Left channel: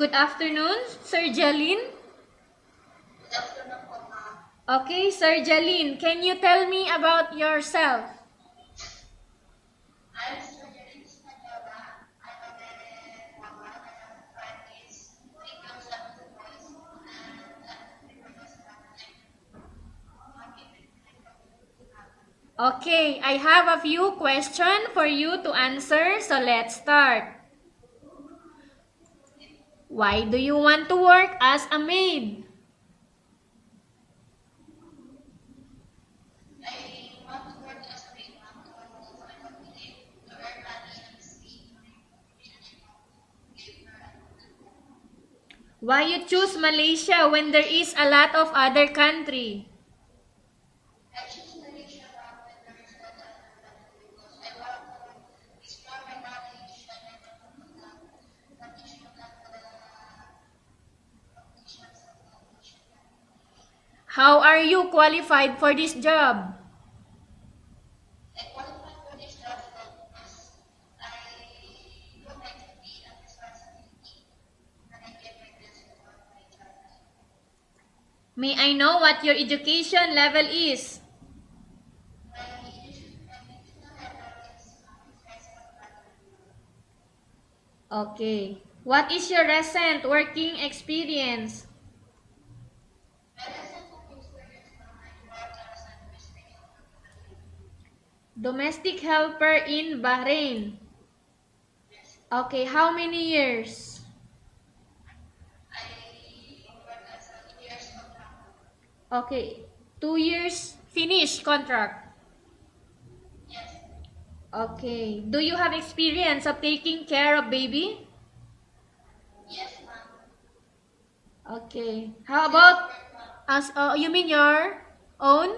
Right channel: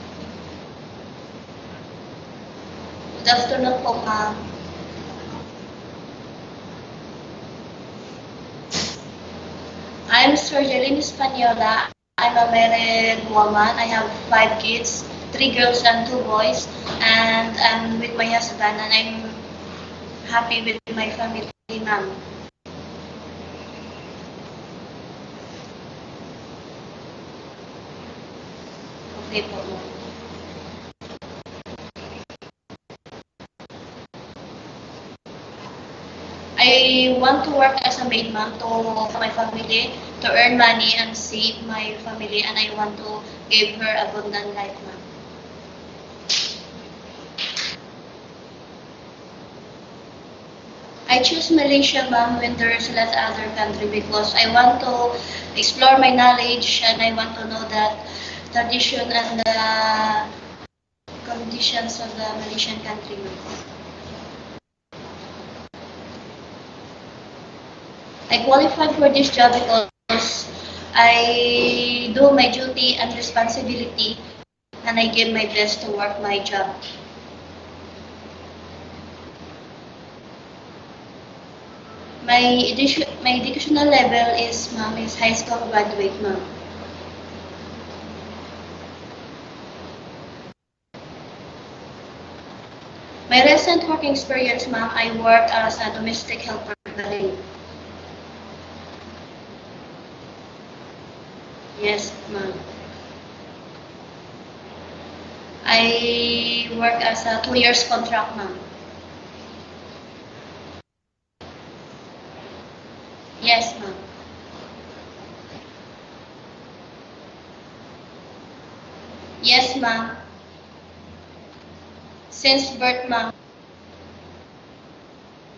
Good afternoon, Sir Jalin. Good afternoon po, ma'am. Okay, Sir Jalin, can you tell me about yourself? I'm cerjia Española. I'm a married woman. I have 5 kids, 3 girls and 2 boys, and I'm with my husband, and I'm happy with my family, ma'am. Okay, I have a few questions for you to answer, so let's start. Okay po, ma'am. Why do you want to work as a maid? I want to work as a maid, ma'am, to my family, to earn money and save my family, and I want to give her abundant life, ma'am. Why you choose Malaysia when there is a lot of other country? I choose Malaysia, ma'am, when there's a lot other country because I want to explore my knowledge and I want to know that tradition and the conditions of the Malaysian country, ma'am. How are you qualified for this job? I qualified for this job because I do my duty and responsibility and I give my best to work my job. May I know what your education level is? My educational level is, ma'am, is high school graduate, ma'am. Okay. What is your recent working experience? My recent working experience, ma'am, I work as a domestic helper in Bahrain. Domestic helper in Bahrain. Yes, ma'am. Okay, how many years? I work as a 2 years contract, ma'am. Okay, 2 years finished contract. Yes, ma'am. Okay. Do you have experience of taking care of baby? Yes, ma'am. Okay. How Since about birth, ma'am. you mean your own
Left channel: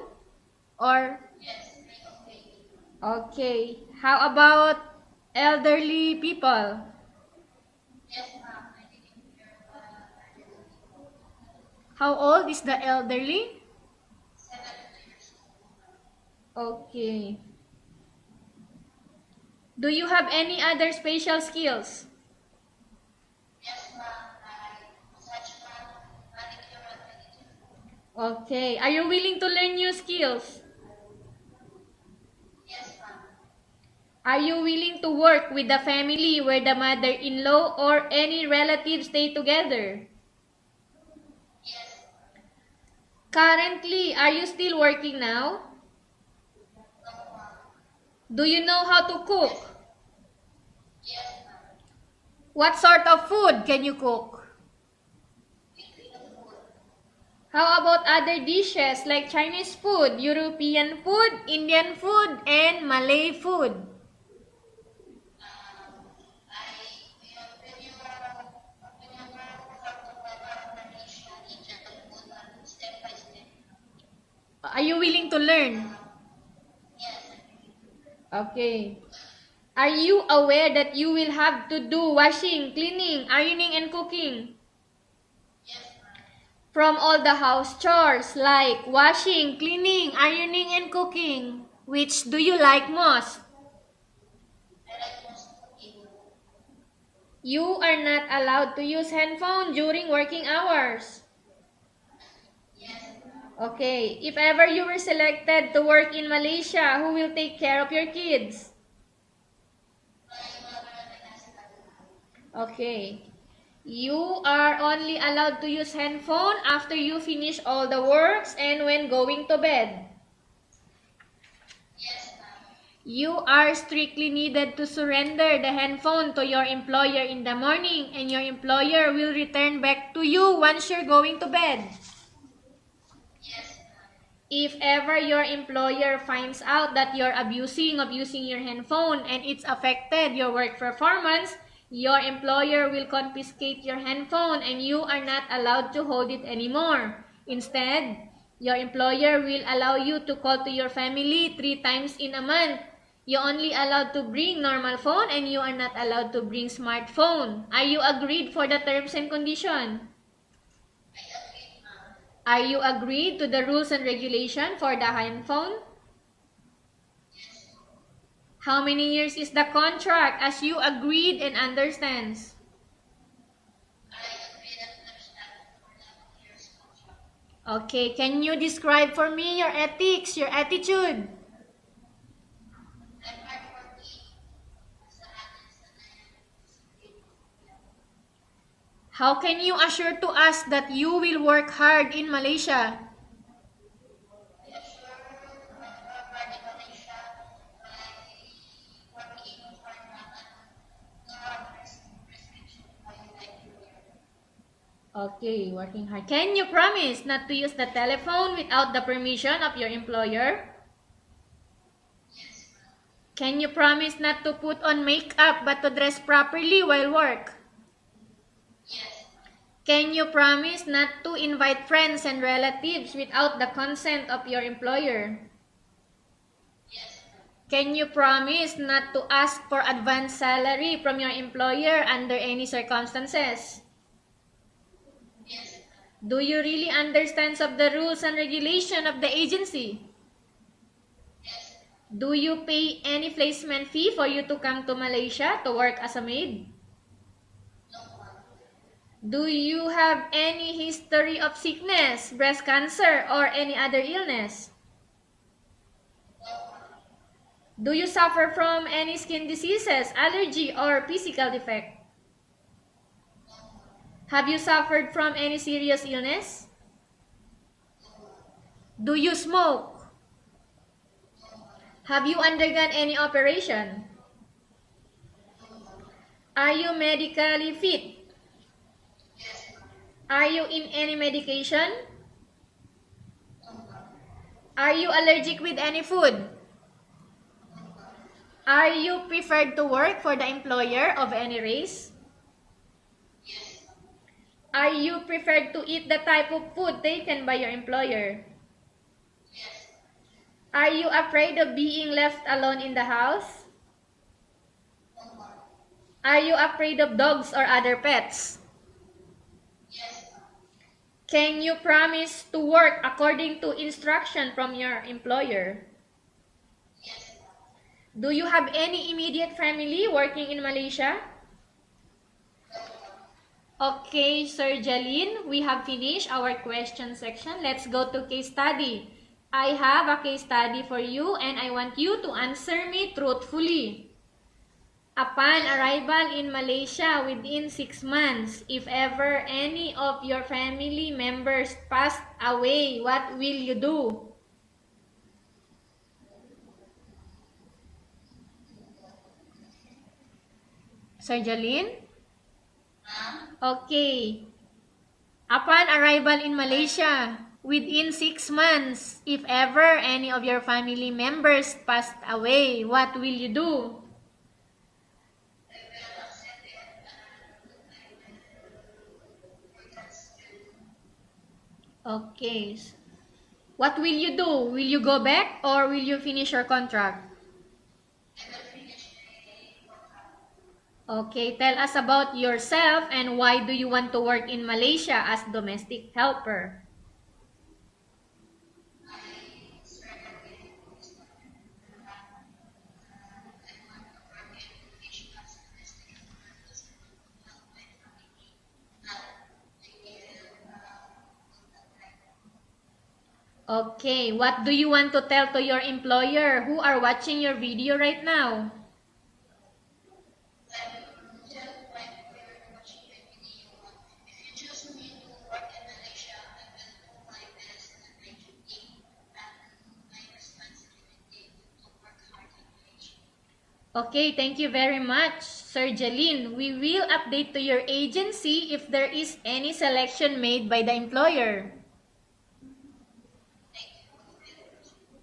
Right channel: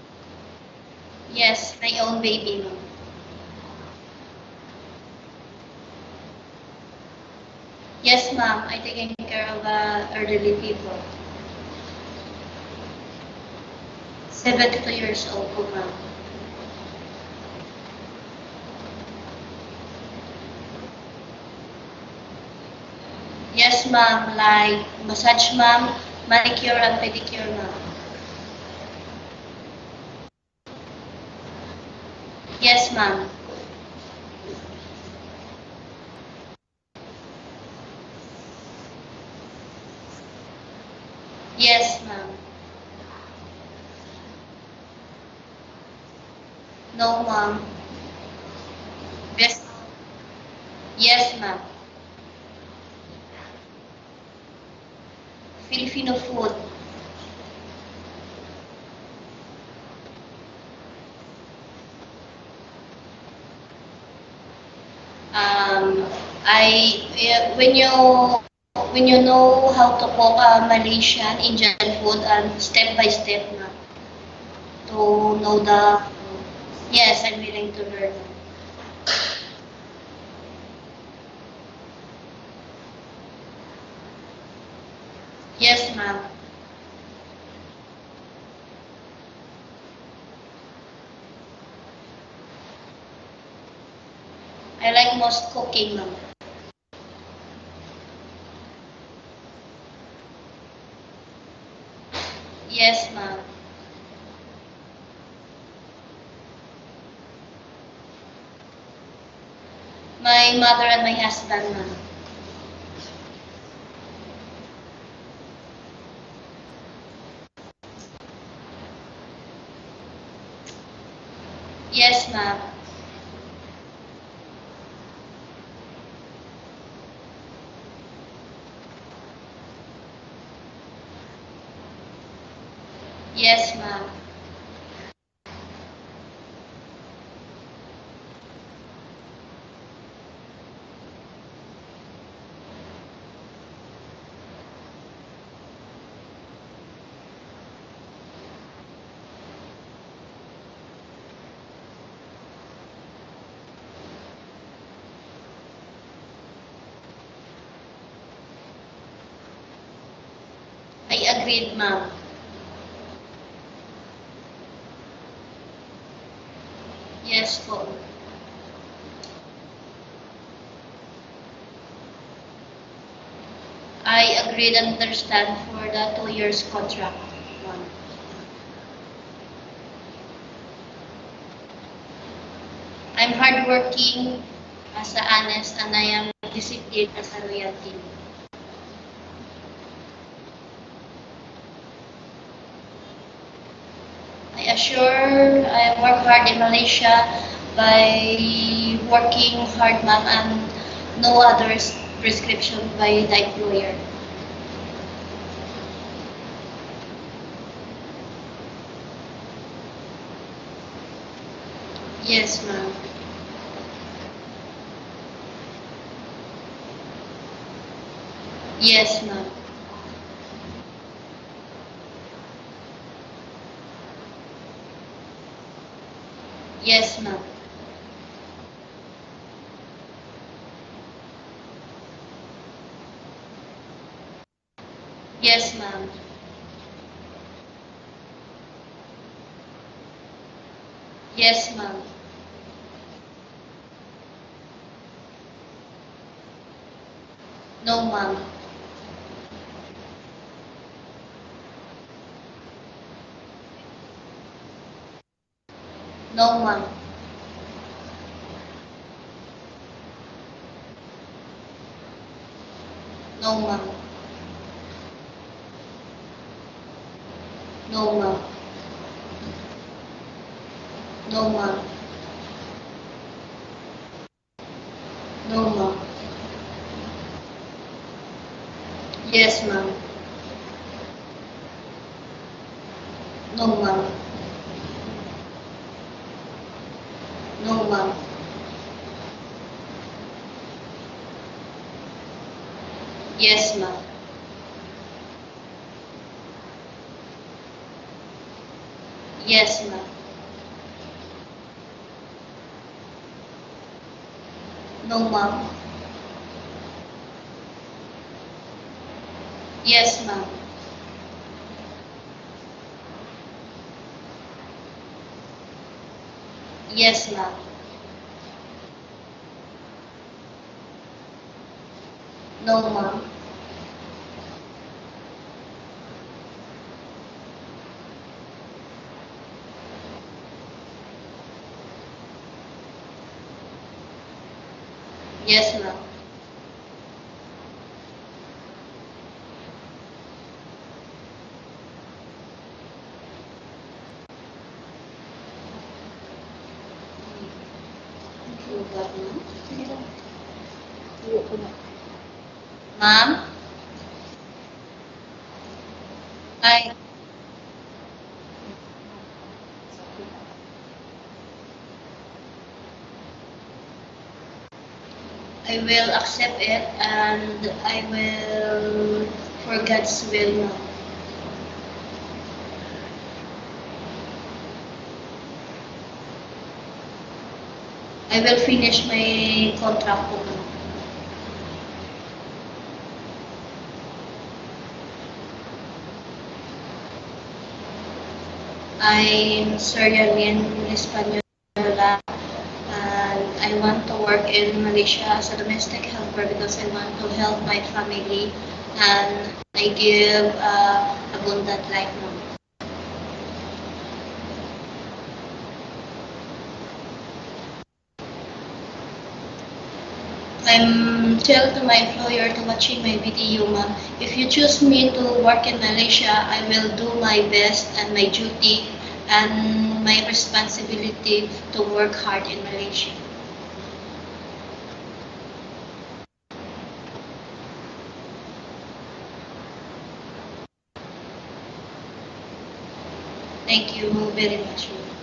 or Yes, my own baby, ma'am. okay. How about elderly people? Yes, ma'am. I taking care of elderly people. How old is the elderly? 72 years old po, ma'am. Okay. Do you have any other special skills? Yes, ma'am. Like massage, ma'am, manicure and pedicure, ma'am. Okay. Are you willing to learn new skills? Yes, ma'am. Are you willing to work with the family where the mother-in-law or any relatives stay together? Yes, ma'am. Currently, are you still working now? No, ma'am. Do you know how to cook? Yes. Yes, ma'am. What sort of food can you cook? Filipino food. How about other dishes like Chinese food, European food, Indian food, and Malay food? When you know how to cook Malaysian, Indian food, and step by step, ma'am. Are you willing to learn? Yes, I'm willing to learn. Okay. Are you aware that you will have to do washing, cleaning, ironing, and cooking? Yes, ma'am. From all the house chores like washing, cleaning, ironing, and cooking, which do you like most? I like most cooking, ma'am. You are not allowed to use handphone during working hours. Yes, ma'am. Okay, if ever you were selected to work in Malaysia, who will take care of your kids? My mother and my husband, ma'am. Okay. You are only allowed to use handphone after you finish all the works and when going to bed. Yes, ma'am. You are strictly needed to surrender the handphone to your employer in the morning and your employer will return back to you once you're going to bed. Yes, ma'am. If ever your employer finds out that you're abusing of using your handphone and it's affected your work performance, your employer will confiscate your handphone and you are not allowed to hold it anymore. Instead, your employer will allow you to call to your family 3 times in a month. You only allowed to bring normal phone and you are not allowed to bring smartphone. Are you agreed for the terms and condition? I agreed, ma'am. Are you agreed to the rules and regulation for the handphone? Yes, po. How many years is the contract as you agreed and understands? I agreed and understand for the 2 years contract. Okay, can you describe for me your ethics, your attitude? I'm hardworking as a honest and I am disciplined as a loyalty. How can you assure to us that you will work hard in Malaysia? I assure I work hard in Malaysia by working hard, ma'am, and no other prescription by the employer. Okay. Can you promise not to use the telephone without the permission of your employer? Yes, ma'am. Can you promise not to put on makeup but to dress properly while work? Yes, ma'am. Can you promise not to invite friends and relatives without the consent of your employer? Yes, ma'am. Can you promise not to ask for advance salary from your employer under any circumstances? Yes, ma'am. Do you really understand of the rules and regulation of the agency? Yes, ma'am. Do you pay any placement fee for you to come to Malaysia to work as a maid? No, ma'am. Do you have any history of sickness, breast cancer, or any other illness? No, ma'am. Do you suffer from any skin diseases, allergy, or physical defect? No, ma'am. Have you suffered from any serious illness? No, ma'am. Do you smoke? No, ma'am. Have you undergone any operation? No, ma'am. Are you medically fit? Yes, ma'am. Are you in any medication? No, ma'am. Are you allergic with any food? No, ma'am. Are you preferred to work for the employer of any race? Yes, ma'am. Are you preferred to eat the type of food taken by your employer? Yes, ma'am. Are you afraid of being left alone in the house? No, ma'am. Are you afraid of dogs or other pets? Yes, ma'am. Can you promise to work according to instruction from your employer? Yes, ma'am. Do you have any immediate family working in Malaysia? No, ma'am. Okay, Sir Jalin, we have finished our question section. Let's go to case study. I have a case study for you and I want you to answer me truthfully. Upon Yes, ma'am. arrival in Malaysia within 6 months, if ever any of your family members passed away, what will you do? Sir Jalin? Ma'am? Okay. Upon arrival in Malaysia, within 6 months, if ever any of your family members passed away, what will you do? I will accept it and I will, for God's will, ma'am. Okay. What will you do? Will you go back or will you finish your contract? I will finish my contract po, ma'am. Okay, tell us about yourself and why do you want to work in Malaysia as domestic helper? I'm cerjia Española and I want to work in Malaysia as a domestic helper because I want to help my family and I give abundant life, ma'am. Okay, what do you want to tell to your employer who are watching your video right now? I'm tell to my employer to watching my video, ma'am. If you choose me to work in Malaysia, I will do my best and my duty and my responsibility to work hard in Malaysia. Okay, thank you very much, Sir Jalin. We will update to your agency if there is any selection made by the employer. Thank you very much, ma'am.